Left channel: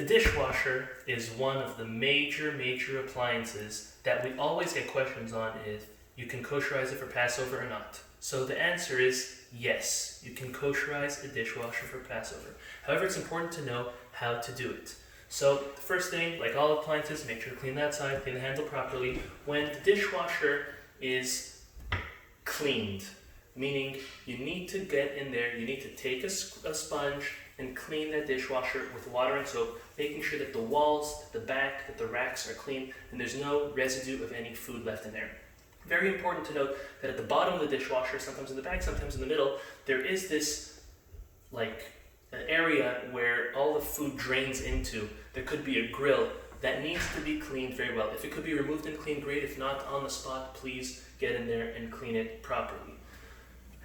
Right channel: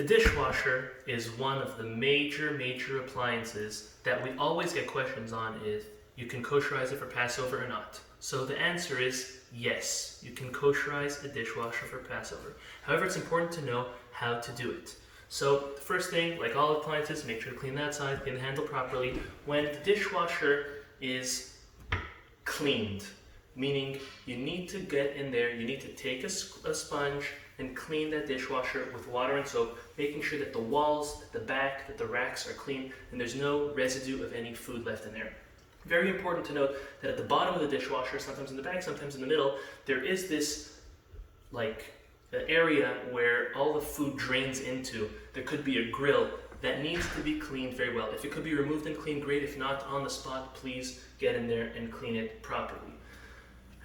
The dishwasher is one of the major appliances that we always get questions on if you can kosherize it for Passover or not. So the answer is yes, you can kosherize a dishwasher for Passover. However, it's important to know how to do it. So the first thing, like all appliances, make sure to clean that side, clean the handle properly. When the dishwasher is cleaned, meaning you need to get in there, you need to take a sponge and clean that dishwasher with water and soap, making sure that the walls, the back, that the racks are clean and there's no residue of any food left in there. Very important to note that at the bottom of the dishwasher, sometimes in the back, sometimes in the middle, there is this an area where all the food drains into. There could be a grill that needs to be cleaned very well. If it could be removed and cleaned, great. If not, on the spot, please get in there and clean it properly.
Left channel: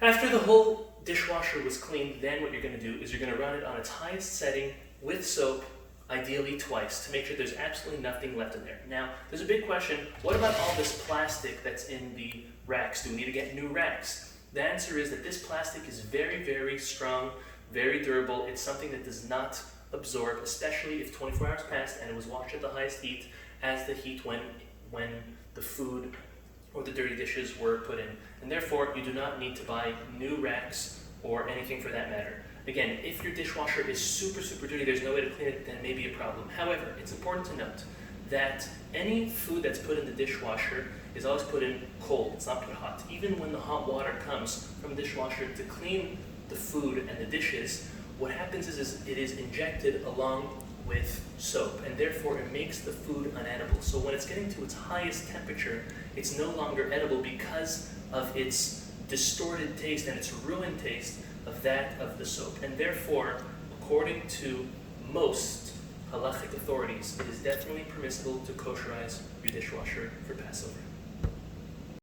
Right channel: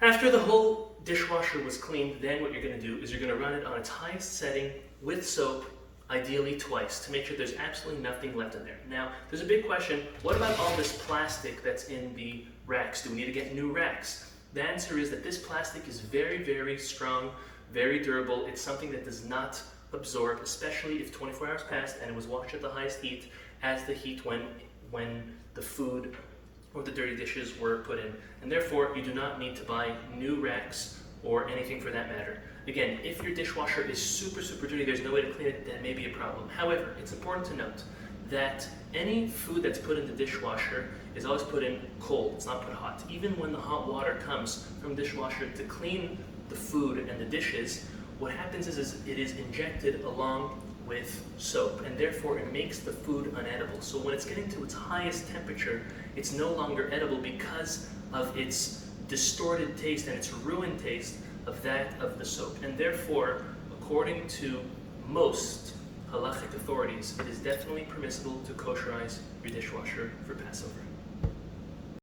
After the whole dishwasher was cleaned, then what you're going to do is you're going to run it on its highest setting with soap, ideally twice, to make sure there's absolutely nothing left in there. Now, there's a big question, what about all this plastic that's in the racks? Do we need to get new racks? The answer is that this plastic is very strong, very durable. It's something that does not absorb, especially if 24 hours passed and it was washed at the highest heat, as the heat when the food or the dirty dishes were put in. And therefore, you do not need to buy new racks or anything for that matter. Again, if your dishwasher is super dirty, there's no way to clean it, then it may be a problem. However, it's important to note that any food that's put in the dishwasher is always put in cold, it's not put hot. Even when the hot water comes from the dishwasher to clean the food and the dishes, what happens is it is injected along with soap, and therefore it makes the food unedible. So when it's getting to its highest temperature, it's no longer edible because of its distorted taste and its ruined taste of that of the soap. And therefore, according to most halachic authorities, it is definitely permissible to kosherize your dishwasher for Passover.